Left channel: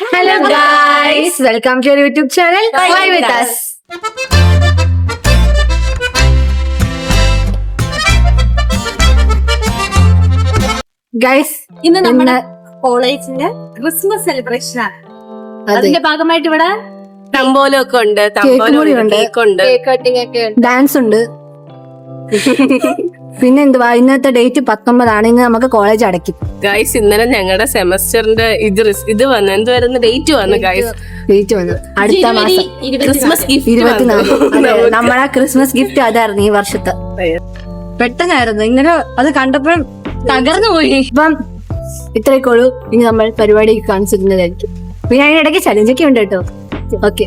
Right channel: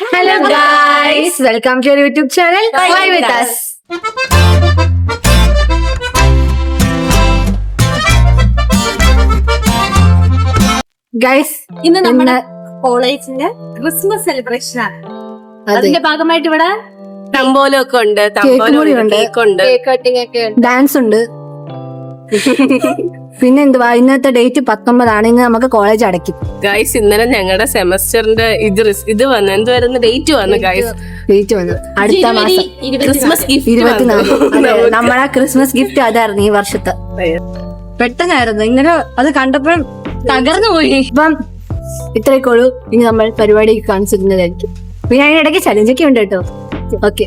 Hello guys, welcome to our YouTube channel. Why with us? Guys, ഇന്ന് നമ്മുടെ കോളേജിന്റെ Christmas celebration ആണ്. അതിന്റെ ഭാഗമായിട്ട് ഇവിടെ തമ്പോലൊക്കെ ഉണ്ട്, കേക്കുണ്ട്, കേക്ക് കട്ടിംഗ് ഒക്കെ ഉണ്ട്, ഡാൻസ് ഉണ്ട്. പിന്നെ എന്തുവാ, ഇന്നത്തെ ഡേറ്റ് 19 ഇന്ന് നമുക്ക് കോളേജ് അടയ്ക്കും. ഗൈസ് ഇന്നലെ ഞങ്ങളുടെ സെമസ്റ്ററിന്റെ ഇത് വന്നു, എന്തുവായിരുന്നു ഡേറ്റ് വന്നു ഗൈസ്, ഡേറ്റ് വന്നു അടുത്ത മാസം ക്രിസ്മസ് ഗിഫ്റ്റ് 24. നമ്മളെ ക്രിസ്മസ് ഗിഫ്റ്റ് അതായിരുന്നു ഈ വർഷത്തെ. പെട്ടെന്നായിരുന്നു, ഇങ്ങനെ അത് കണ്ടപ്പോൾ തകർന്നു പോയി. ഇപ്പം ഇത്രയൊക്കെ ഉള്ളൂ. ഇനി നമ്മൾ പരിപാടി കാണിച്ചിരുന്നതായിരിക്കും. പിന്നെ അതിനിടയ്ക്ക് ചലഞ്ചൊക്കെ ഉണ്ട് കേട്ടോ. ഓക്കെ,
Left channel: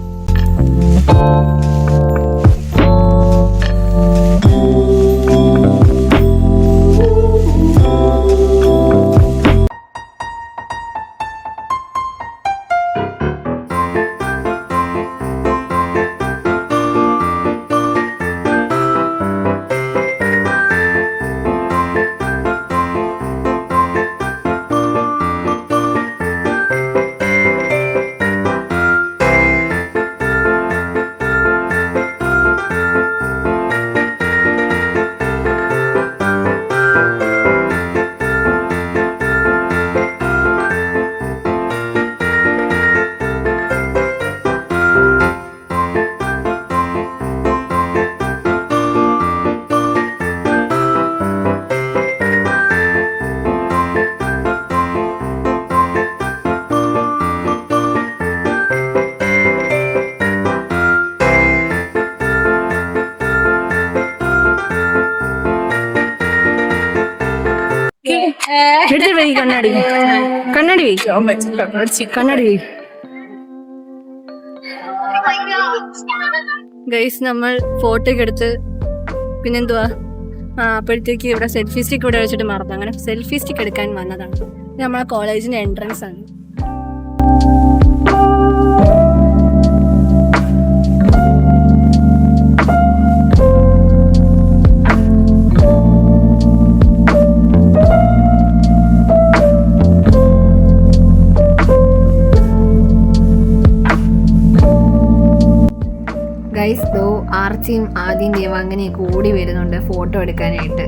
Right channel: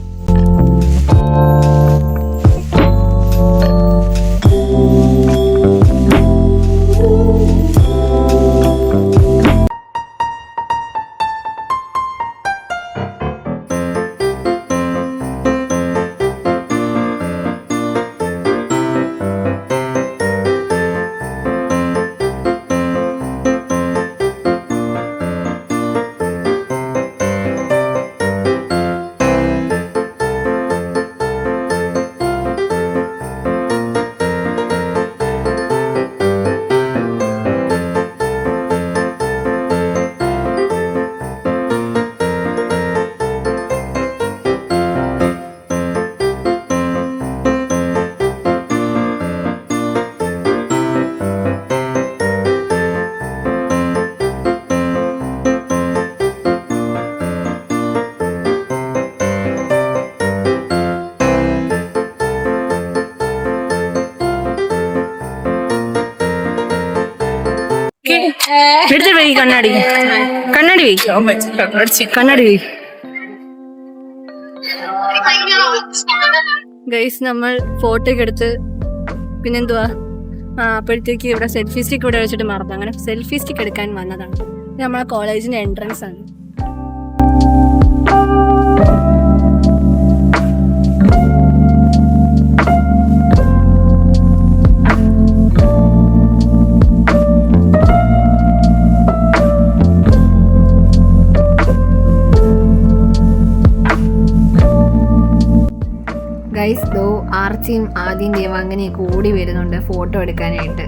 എടുത്തിട്ട് പോയി കണ്ണാടി ഗൈസ്. നമ്മൾ ഫോട്ടോ ഒക്കെ എടുത്ത് പിന്നെന്തുവാ അപ്പോഴത്തേക്ക് ഇവിടെ സെൽഫി സ്റ്റിക്ക് ഇവിടെ വെച്ചിട്ട് മറന്നു. അങ്ങനെ സെൽഫി സ്റ്റിക്ക് എടുക്കാൻ വന്നതാണ്. ഇത് നമ്മളെ കോളേജിന്റെ എൻട്രൻസ് ആണ്. ഗൈസ് ദോ ആർച്ചിയും ആദ്യം ദേവാംഗനെയൊക്കെ ഓടി വരുന്നുണ്ട് ഫോട്ടോ എടുക്കാനായിട്ട്.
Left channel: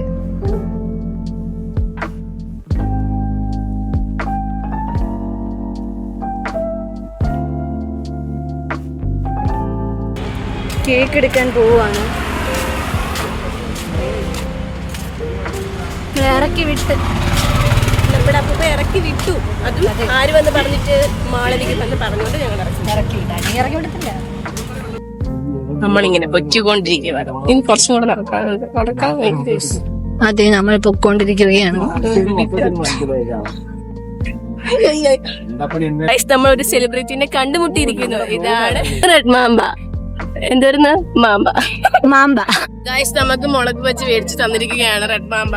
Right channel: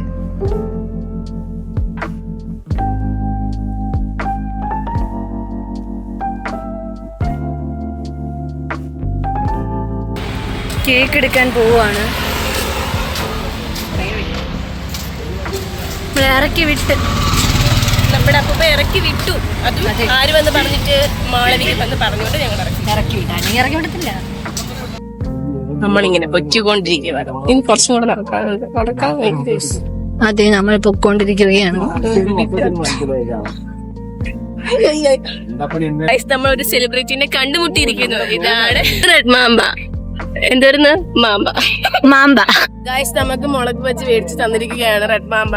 കേക്ക് എടുക്കാൻ പോവാണ്. ഇറക്കി വിട്ട് നമ്മുടെ അപ്പൂപ്പ ഇറക്കി വിട്ടു. അതും ആര് വന്ന് പറഞ്ഞിട്ട് മാളവിക വന്ന് പറഞ്ഞോണ്ട് ഞങ്ങൾ ഇറക്കി വിട്ടാ. ഇറക്കി വിടത്തില്ല, നമ്മളിങ്ങനെ പൊറ്റിക്കൊണ്ടിരിക്കുകയാണ്. ഇനി കുറച്ചും കൂടെ നടക്കാൻ വേണ്ടി. അതെ, നമ്മൾ പൊക്കോണ്ടിരിക്കുകയാണ്. നമ്മൾ ഒരു സെലിബ്രിറ്റിനെ കണ്ടുമുട്ടിയിരിക്കുന്നു. ഇതാണ് റെഡ് മാമ്പ. എന്തായിരുന്നു മാമ്പ. ഗൈസ് നമുക്ക് മുളക് വെച്ച് മേടിച്ച് തന്നിരിക്കുകയാണ് റെഡ് മാമ്പ.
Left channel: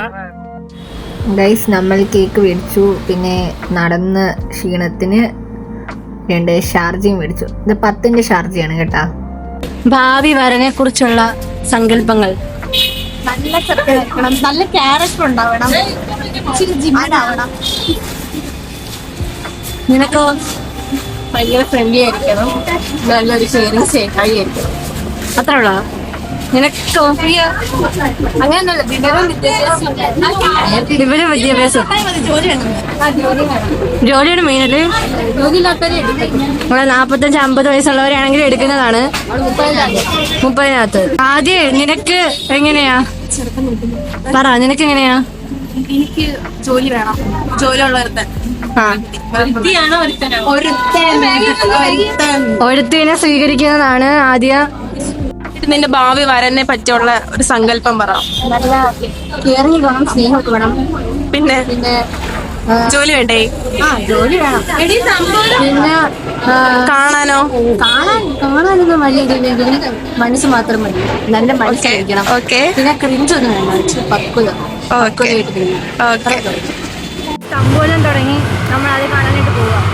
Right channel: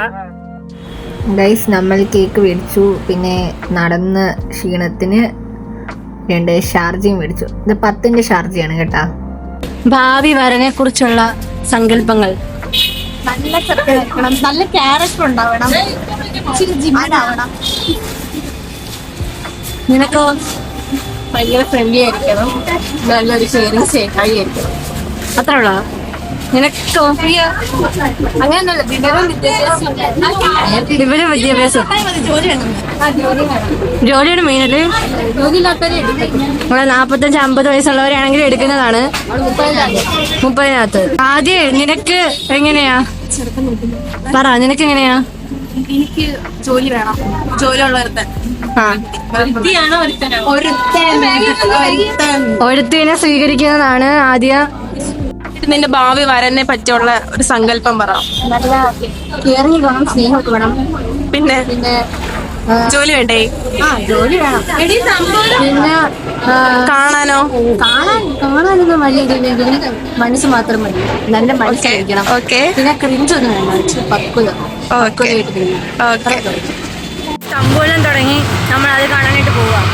ഗൈസ് നമ്മൾ കേക്ക് മേടിച്ചു. പിന്നെ നടന്ന് ക്ഷീണത്തിന് 2 ഷാർജയും മേടിച്ചു. ഇത് 10ന്റെ ഷാർജയാണ് കേട്ടാ. ഭാവി വരനെ കുറിച്ചുള്ള സങ്കല്പങ്ങൾ: നല്ല ചെറുക്കണം, നല്ല ക്യാരക്ടർ ഉണ്ടാവണം, ഇച്ചിരി ജിമ്മാവണം. നിനക്കോ? ഭയങ്കര ഫ്രണ്ട്ലി ആയിരിക്കണം, നല്ലൊരു ഷെയറിങ് സ്നേഹായി ആയിരിക്കണം. അത്ര ഉള്ള നിനക്കോ? അങ്ങനെയല്ല, വിവരം വിദ്യാഭ്യാസം, ജോലിയാണ് മെയിനല്ലേ. ജോലിയില്ലാത്തവരെ എടുക്കും. നമ്മളെ 45-50 വയസ്സുള്ളവരാണെങ്കിൽ എടുക്കുന്നതാണ് 30-നകത്ത്. ആദ്യം നിനക്ക് എങ്ങനെയാ പറ, നിനക്ക് എങ്ങനെയാ? എനിക്ക് ജോലി വേണം, ജോലിയുള്ളവരുടെ ഒരുത്തിനെ സ്വീകരിക്കുന്നതാണ് ആദ്യം. നിന്റെ ഭാവി വരനെ പറ്റിയുള്ള ഒരു സങ്കല്പം പറ. നല്ല കെയറിങ് വേണം, സ്നേഹമൊക്കെ വേണം. പിന്നെ ജോലി വേണ്ടേ? ജോലി വേണം. പിന്നെ കാണാനൊന്നും വഴിയില്ലെങ്കിൽ മനസ്സ് മാത്രം മതി. നല്ല മനസ്സിലായിരിക്കണം. പിന്നെ ക്രിഞ്ചൊന്നും വേണ്ട, പക്വത. തമ്പോലം തുടങ്ങി നമ്മൾ അത് കാണാനായിട്ട് പോവാം.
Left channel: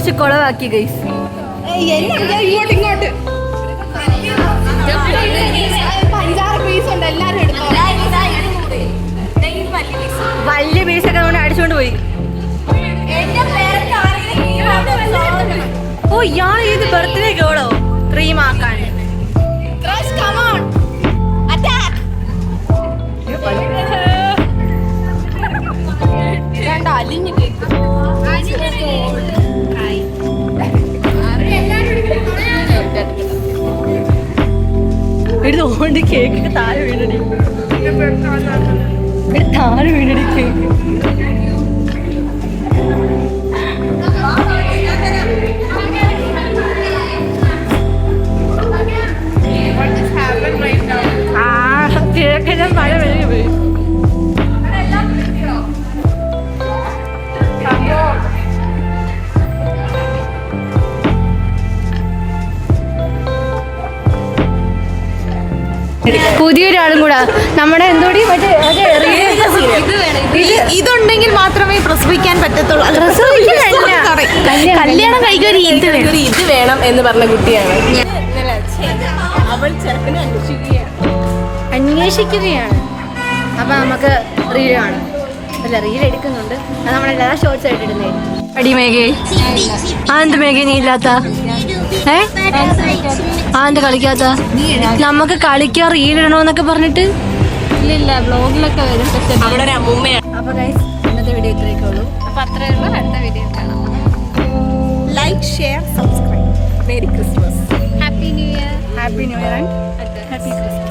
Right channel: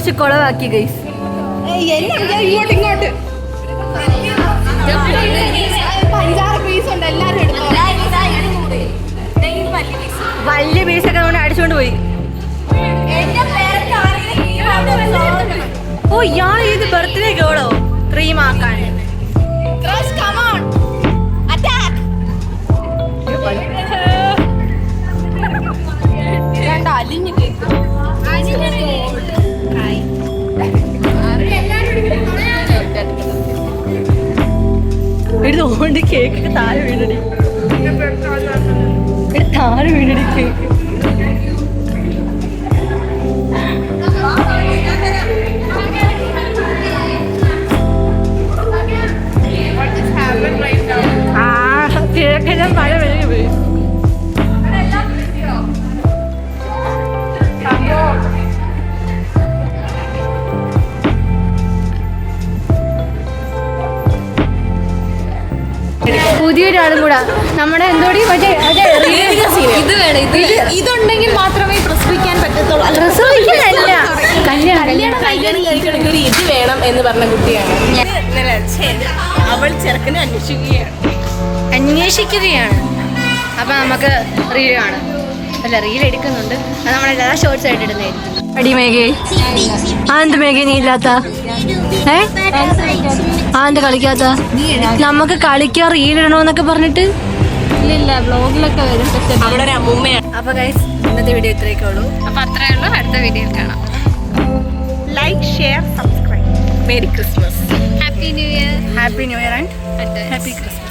കുറച്ച് കുളവാക്കി ഗൈസ്. ഇങ്ങോട്ട് 5-6 പീസ് ഉണ്ട്, എല്ലാരും എടുത്തോ. വലിയ പീസൊക്കെ നമ്മൾ അടിച്ചുകൊണ്ട് പോയി. ഓ ഇയാൾ ഇത് ബർത്ത്ഡേ ഗേളോ ക്രീമാക്കാൻ. അലിഞ്ഞു കേക്ക് എടുത്തോണ്ട് കേക്ക് താഴെ വീണടി, താഴെ വീണടി കേക്ക്. കേക്കെല്ലാം മഴ വഴി പോയി. പുതിയൊരാളും കൂടാ നമ്മുടെ എന്തോടി മറ്റേ ഇതുണ്ടെങ്കിൽ മാത്രമേ പ്രസവിക്കാൻ പറ്റത്തുള്ളൂ. പ്രസവിക്കാനല്ല, കല്യാണം ഇത് വേണം എന്ന് പറഞ്ഞ കുട്ടിയാണ്. അവൾ ചെറുക്കനെ അന്വേഷിക്കുകയാണ്. അപ്പൊ നമുക്ക് റീൽ കാണാം. അല്ല റീൽ എടുക്കുന്നുണ്ട്, അത് നമ്മളെല്ലാ ഷോർട്സ് ആയിട്ട് ഇടുന്നേ. അടി മേഘേ, ആന്ത് മേഘേ നീ ഇല്ലാത്ത ആന്ത് കളിക്കാത്ത? നമുക്ക് കളിക്കാൻ റീൽ ഇടണോന്നൊക്കെ പറഞ്ഞിട്ട് ഇല്ല ബ്ലോഗിലൊക്കെ വരും. അവിടെ ഒരു അമ്മൂമ്മയാണ്. അപ്പൊ ഗൈസ് ഇന്നത്തെ വീഡിയോ ഇത്രയൊക്കെ ഉള്ളൂ. അപ്പൊ അത്രയേ ഉള്ളൂ. അടുത്ത വീഡിയോ കാണാം. Like, share, subscribe. Merry Christmas. Happy new year. Happy new year and happy Christmas.